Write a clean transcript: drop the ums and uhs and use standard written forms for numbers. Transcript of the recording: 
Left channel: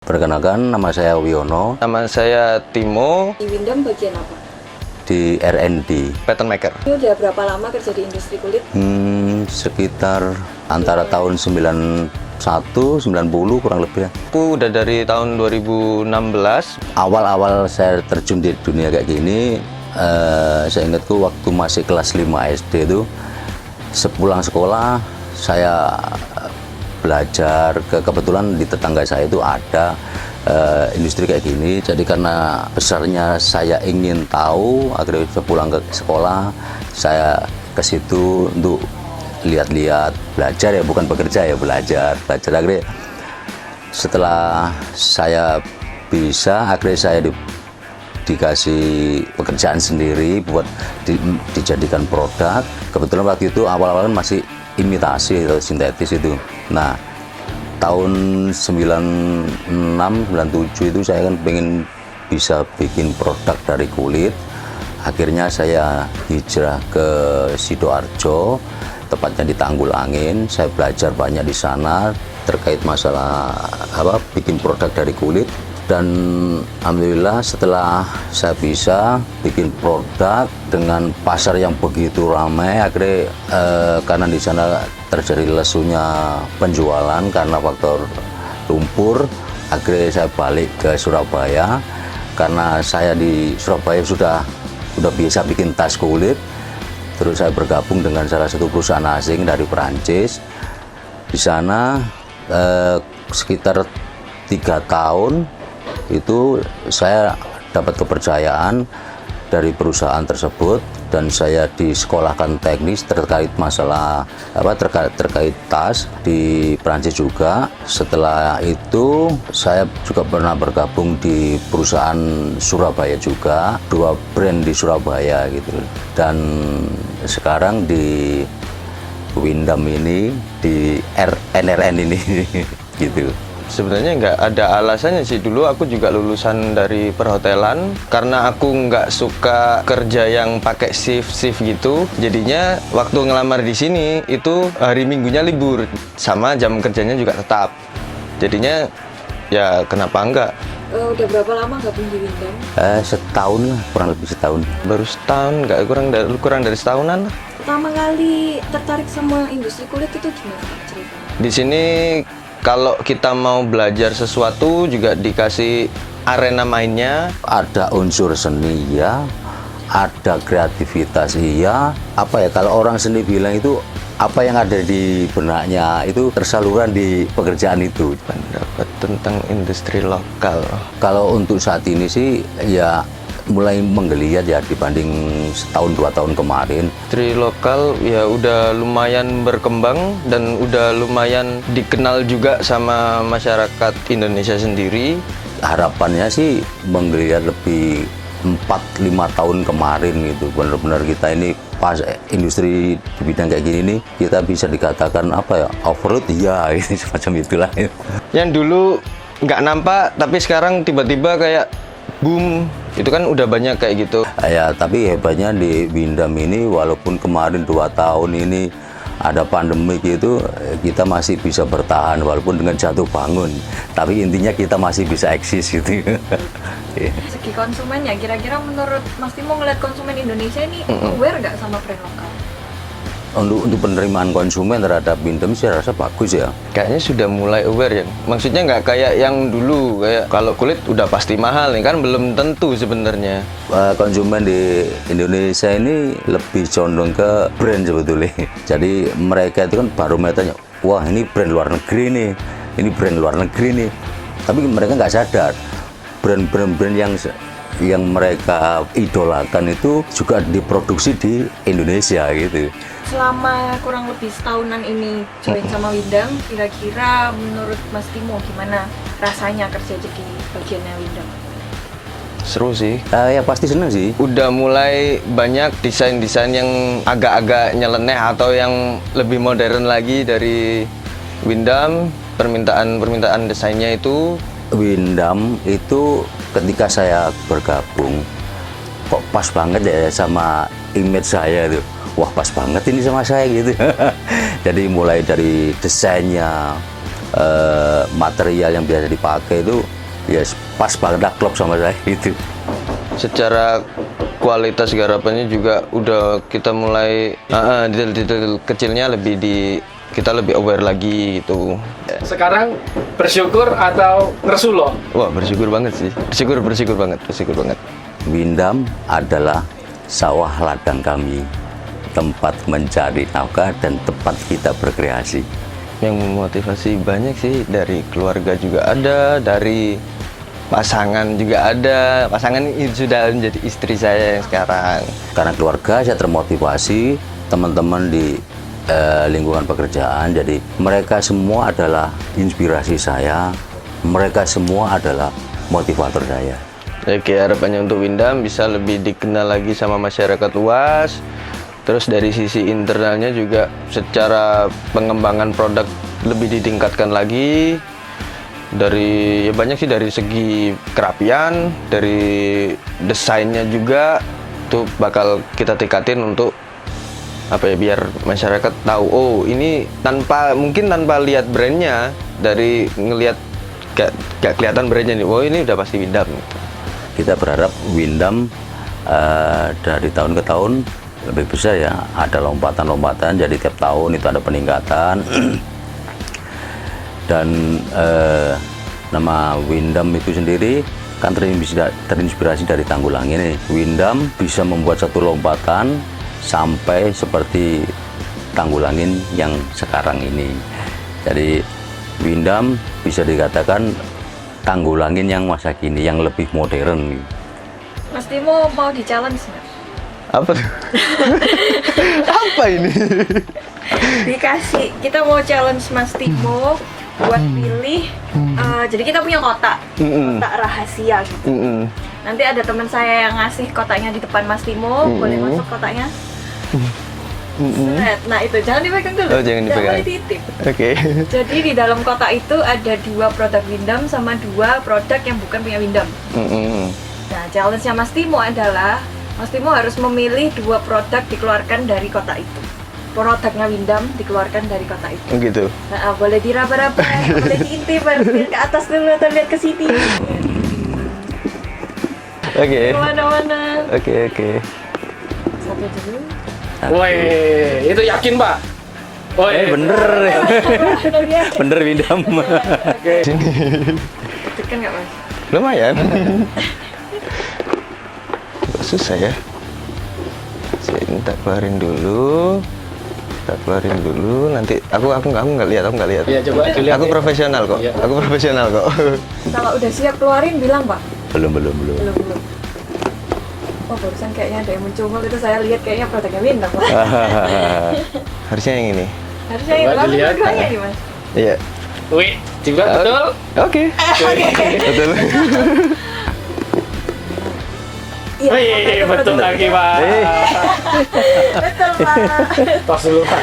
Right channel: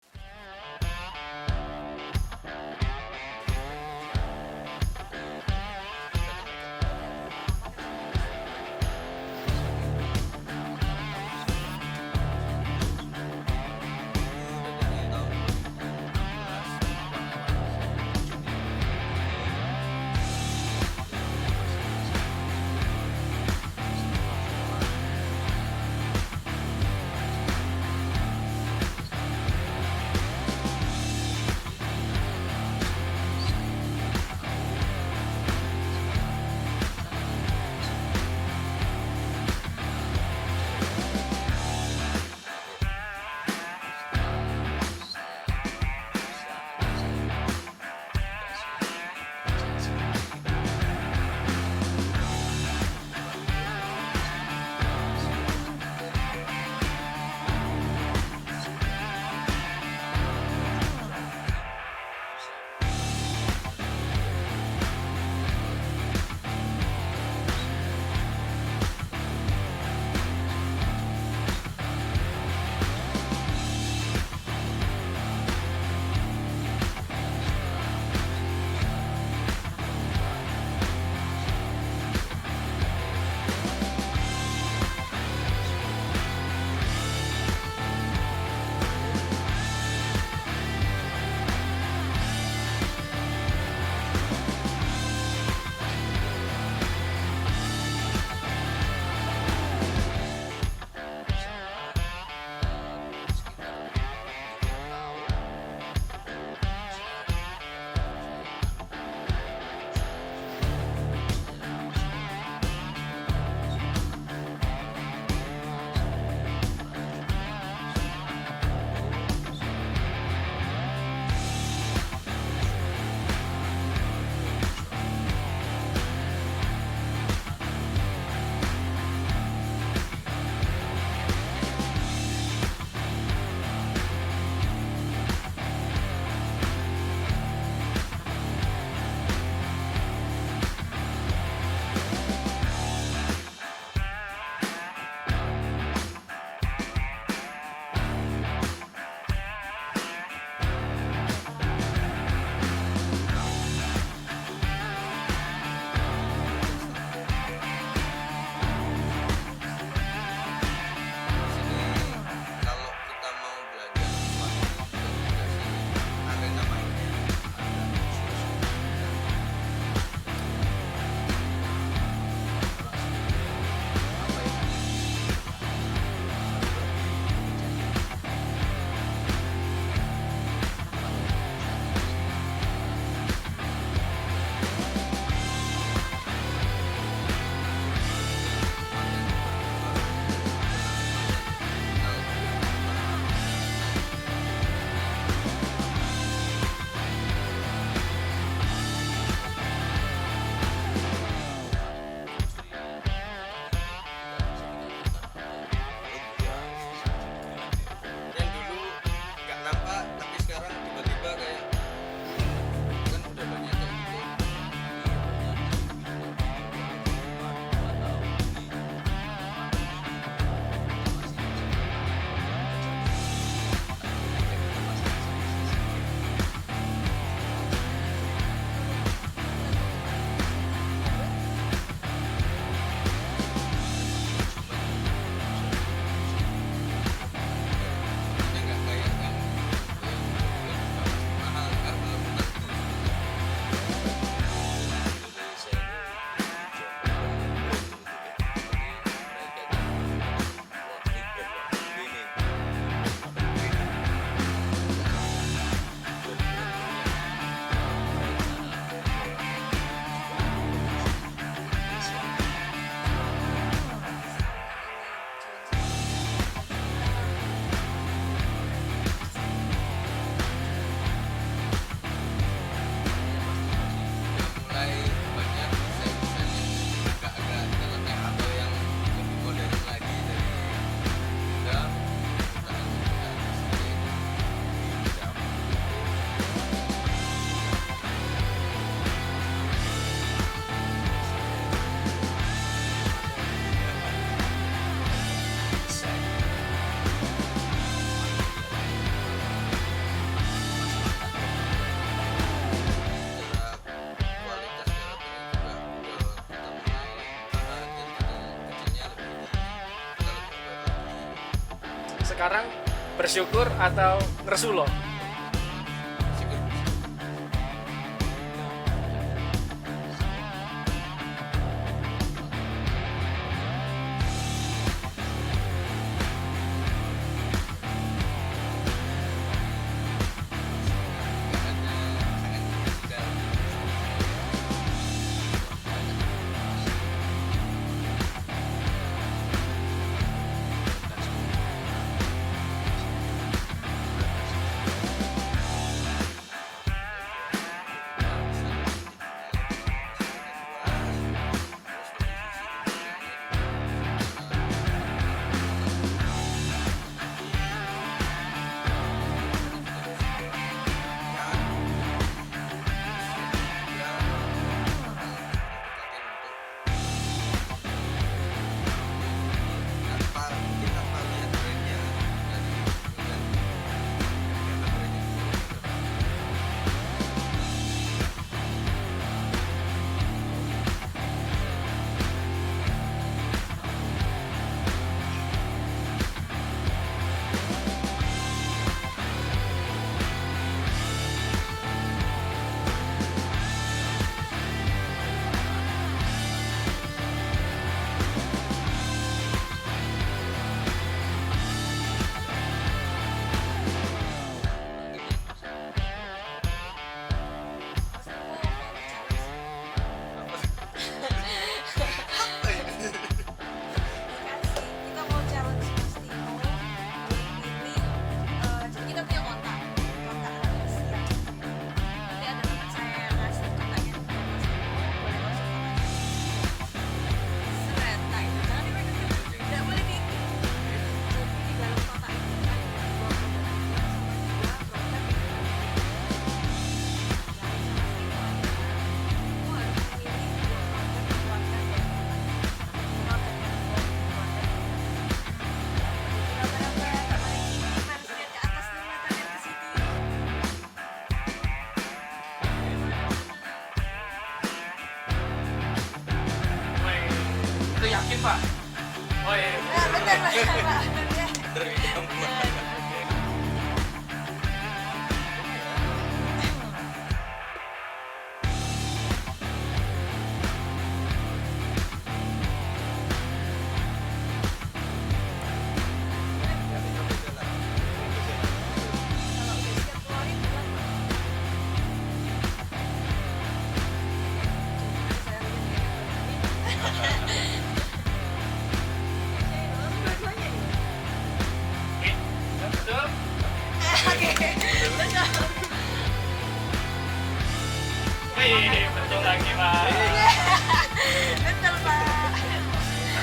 Perkenalkan, nama saya Wiono. Nama saya Timo. Di Windam bagian apa? Di R&D. Pattern maker. Ini udah berapa lama kerja di industri kulit? Sekitar antara tahun 91, 90 kurang lebih. Aku udah dari tahun 2016. Awal-awal saya terjun di dunia kayak gini, saya ingatku waktu masih kelas 5 SD itu, sepulang sekolah saya belajar, kebetulan di tetangga saya itu ada industri kayak gini. Jadi karena besarnya saya ingin tahu, akhirnya sepulang ke sekolah saya ke situ untuk lihat-lihat, belajar ya, bukan bekerja ya, belajar. Akhirnya setelah saya bisa, akhirnya saya dikasih pekerjaan sendiri buat dijadikan produk. Kebetulan waktu itu awal-awal masih imitasi atau sintetis itu. Nah, tahun 96, 97 itu saya kan pengen bisa bikin produk dari kulit. Akhirnya saya hijrah ke Sidoarjo, tepatnya di Tanggul Angin. Saya belajar banyak di sana terkait masalah bikin produk dari kulit. Dan alhamdulillah setelah saya bisa bikin produk dengan pasar yang begitu ramai, akhirnya karena di sana terjadi lesunya penjualan karena faktor lumpur, akhirnya saya balik ke Surabaya. Karena saya di Surabaya sudah biasa bikin tas kulit, terus saya bergabung dengan salah satu perusahaan asing dari Perancis. Di sana sekitar 3 tahun itu saya dapat kepercayaan dari perusahaan tersebut dan saya disekolahkan teknis terkait masalah terkait tas di Prancis juga. Setelah itu saya juga pernah bergabung di perusahaan Surabaya juga, 2 brand di Surabaya gitu. Dan sekarang di Windam ini, di NRN ini gitu. Sebenarnya nggak ada alasannya sih. Dulu aku juga lulusan dari perhotelan. Karena aku nggak suka kerja yang pakai shift gitu. Jadinya waktu ngelamar di sini itu hari Minggunya libur, sama jam kerjanya juga tetap. Jadinya ya kenapa enggak? Udah berapa lama gabung di Windam? Setahun, kurang lebih setahun. Baru setahun, nggak kurang dari setahunan. Pertama kali tertarik sama industri kulit itu gimana? Di sini kalau kita mau belajar sesuatu juga dikasih arena mainnya. Ada unsur seni ya, ada kreativitas iya. Kalau orang seni bilang itu apa yang ada di benaknya itu tersaluran di pekerjaan itu. Pendapat tentang industri lokal. Kalau untuk saat ini sih ya mulai menggeliat ya dibanding setahun 2 tahun kemarin. Industri lokal ya udah lumayan berkembang dan udah lumayan dikenal juga sama masyarakat Indonesia sendiri. Harapannya sih menggeliat lebih 4-5 tahun kemarin gitu. Benar-benar kita ini pas industri di bidang kayak gini nih, kita bisa dikatakan overload ya gitu, semacam itulah. Yang dulu nggak nampak tapi sekarang tiba-tiba kayak boom, itu kan udah banyak kayak gitu. Ya, tapi hebatnya di Windam ini walaupun kemarin 2 tahun ini ada pandemi gitu, kita masih bisa bertahan walaupun dengan jatuh bangun. Tapi intinya kita masih bisa eksis gitu. Segi konsumen ya, kira-kira menurut Mas Timo ngeliat konsumen Indonesia ini aware nggak sama brand lokal? Untuk penerimaan konsumen terhadap Windam saya rasa bagus ya. Kayaknya sudah mulai aware ya. Maksudnya nggak kayak yang dulu, kayak kalau kulit udah pasti mahal nih kan, belum tentu sebenarnya. Konsumen di Indonesia ini lebih condong ke brand sebetulnya. Jadi mereka itu kan barometernya, wah ini brand luar negeri nih, ini brand luar negeri nih. Tapi mereka nggak sadar brand-brand yang mereka idolakan itu juga diproduksi di Indonesia gitu. Selama kurang lebih setahunan ini join sama Windam, kira-kira menurut Mas Timo gimana rasanya kerja jadi bagiannya Windam? Seru sih. Ya pasti senang sih. Udah mulai banyak desain-desain yang agak-agak nyeleneh atau yang lebih modern lagi dari Windam. Permintaan desainnya itu. Windam itu ketika saya bergabung, kok pas banget ya sama image saya tuh. Wah pas banget ini sama saya gitu. Jadi mulai dari desainnya, material yang biasa dipakai itu ya pas banget lah, klop sama saya gitu. Secara kualitas garapannya juga udah kita mulai detail-detail kecilnya kita lebih aware lagi gitu. Sekarang bersyukur atau ngersulo? Wah, bersyukur banget sih. Bersyukur banget. Windam adalah sawah ladang kami, tempat mencari nafkah dan tempat kita berkreasi. Yang memotivasi banyak sih, dari keluarga juga ada, dari pasangan juga ada. Pasangan ini sudah menjadi istri saya yang sekarang. Karena keluarga saya termotivasi, teman-teman di lingkungan pekerjaan, jadi mereka semua adalah inspirasi saya, mereka semua adalah motivator saya. Oke, harapannya untuk Windam bisa lebih dikenal lagi sama masyarakat luas. Terus dari sisi internalnya juga secara pengembangan produk lebih ditingkatkan lagi. Dari ya banyak sih, dari segi kerapian, dari desainnya juga tuh bakal kita tingkatin untuk apa ya, biar masyarakat tahu, oh ini mungkin tanpa lihat brandnya, dari ngelihat gak kelihatan brandnya nih, oh ini udah pasti Windam. Kita berharap Windam dari tahun ke tahun lebih besar ya, ada lompatan-lompatan, jadi tiap tahun itu ada peningkatan. Dan nama Windam itu sendiri kan terinspirasi dari Tanggulangin ini. Windam bisa membuat satu lompatan sampai seperti Tanggulangin yang sekarang ini. Jadi Windam bisa dikatakan Tanggulangin yang masa kini, yang lebih modern. Mas Timo mau di-challenge nggak? Apa tuh? Apa ini? Kita mau challenge Mas Timo buat pilih. Jadi kita punya kotak rahasia gitu. Nanti ada teman saya yang ngasih kotaknya di depan Mas Timo, boleh masuk kotaknya. Nah itu jangan dipegang dulu. Oh, jangan dipegang. Boleh dititip. Oke. Jadi di dalam kotak itu ada 2 produk Windam sama 2 produk yang bukan punya Windam. Nah challenge-nya Mas Timo adalah Mas Timo harus memilih 2 produk dikeluarkan dari kotak itu. Produknya Windam dikeluarkan dari kotak itu. Oh gitu. Nah, boleh diraba-raba, boleh diintip, lihat ke atas dulu atau lihat ke sini. Oke. Kemana-mana. Oke. Satu dulu. Woi, itu yakin Pak? Woi, Bener ya. Bener Windam. Tekan nggak Mas? Lumayan. Susah ya. Saya minta keluarin dulu. Nanti aku nggak lihat. Iya, coba dilihat. Aku profesional kok. Iya. Aku profesional kok. Kalau udah siap keluarin bilang Pak. Belum. Belum. Oh barusan kayaknya ada yang mencungul itu, saya lihat kayaknya produknya Windam Pak. Harusnya yang ini. Harusnya yang Coba lalu dilihat. bilangnya nih Mas. Iya. Wih, juga betul. Oke. Betul. Iya, Wih, makanya betul produk lagi Pak. Betul Pak. Pas dulu Pak.